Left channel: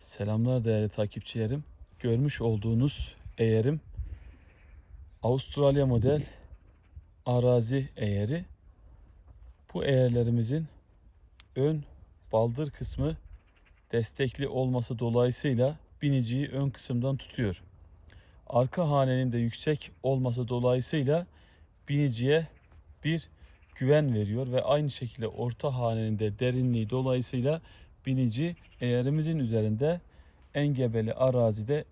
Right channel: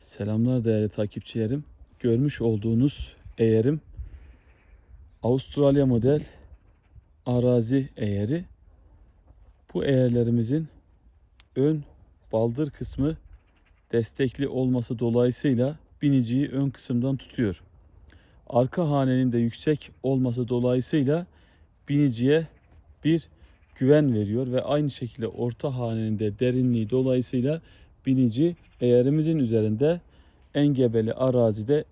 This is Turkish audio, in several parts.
Selamlar değerli takipçilerim. Görmüş olduğunuz eğerim Avustralya model arazi eğeri. Bu eğerlerimizin ön baldır kısmı destekli olması dolayısıyla biniciyi ön kısımdan tutuyor. Arka hanenin de yüksek olması dolayısıyla biniciye bir güven veriyor ve aynı şekilde orta hanenin de derinliği dolayısıyla binici eğerimizin üzerinde engebeli arazide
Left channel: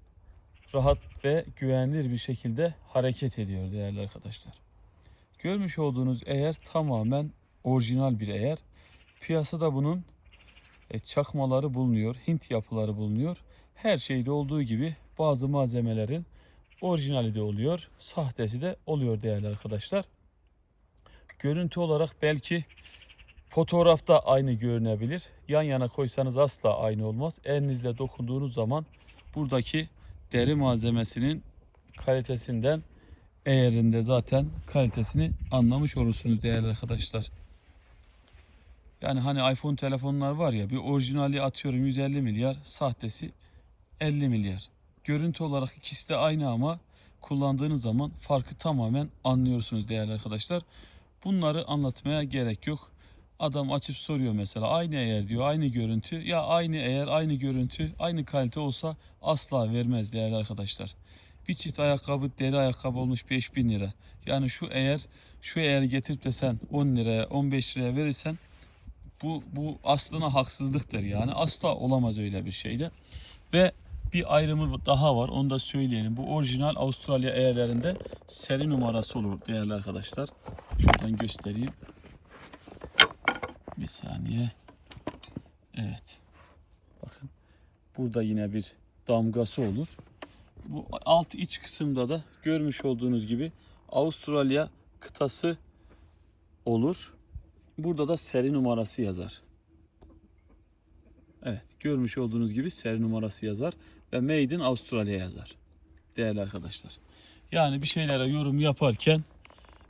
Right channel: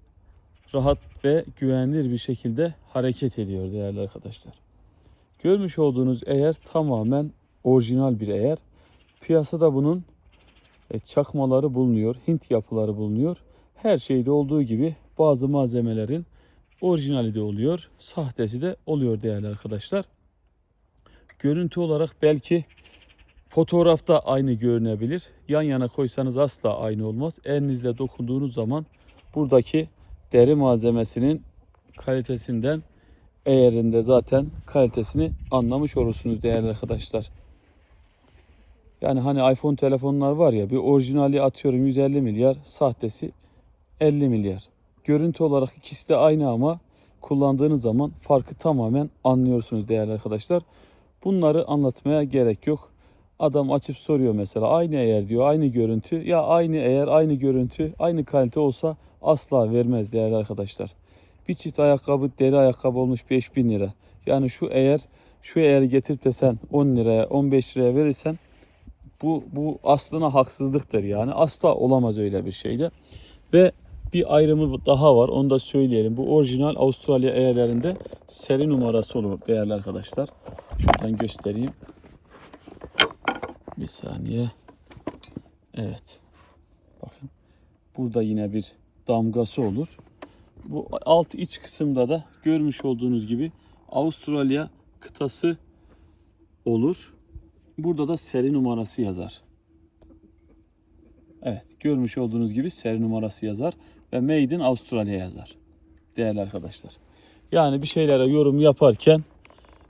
rahat ve güvenilir bir şekilde hareket ediyor değerli arkadaşlar. Görmüş olduğunuz eğer tamamen orijinal bir eğer. Piyasada bunun e, çakmaları bulunuyor, Hint yapıları bulunuyor. Her şeyde olduğu gibi bazı malzemelerin orijinali de oluyor, sahtesi de oluyor değerli arkadaşlar. Görüntü olarak belki fotoğrafta aynı görünebilir. Yan yana koysanız asla aynı olmaz. Elinizle dokunduğunuz zaman buradaki deri malzemesinin kalitesinden eğerinde zaten kalitesini anlamış olursunuz değerli arkadaşlar. Yani hani iPhone telefonlar var ya bir orijinali atıyorum 150 milyar, sahtesi 50 milyar. Görüntü olarak ikisi de aynı ama kullandığınız zaman farkı tamamen anlıyorsunuz değerli arkadaşlar. Bunları anlatmaya gerek yok. Adam açıp soruyor mesela aynı eğer diyor aynı görüntü ya aynı eğer aynı görüntü aynı kalite olsa asla vermez değerli arkadaşlar. Bir çift ayakkabı deri ayakkabı olmuş 5000 lira. Yani şu eğer şu eğer getirip de sen 10 liraya 15 liraya verirsen bu bu aslına haksızlıktır yani asla olamaz öyle bir şeyde. Ve bir ayrımı daha var onu da söyleyelim. Bu orijinal Avustralya eğerlerinde seri numarası olur değerli arkadaşlar. Şuradan göstereyim. Bir saniye. Evet. Bakın. Burada yine bir damgası olur. Bu alt iç kısımda da görmüş olduğunuz gibi Avustralya kıtası olur. Burada da seri numarası yazar. Evet, görmüş olduğunuz gibi seri numarası yazar ve Made in Avustralya yazar. Değerli arkadaşlar. Yani bir şeylere yorum yaparken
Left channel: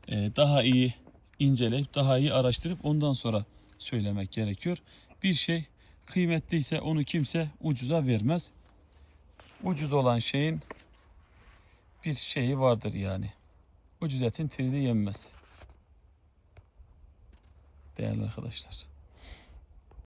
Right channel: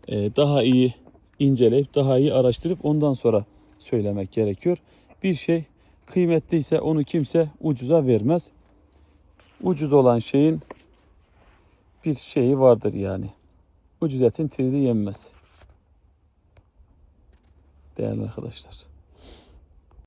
e, daha iyi inceleyip daha iyi araştırıp ondan sonra söylemek gerekiyor. Bir şey kıymetliyse onu kimse ucuza vermez. Ucuz olan şeyin bir şeyi vardır yani. Ucuz etin tridi yenmez. Değerli arkadaşlar.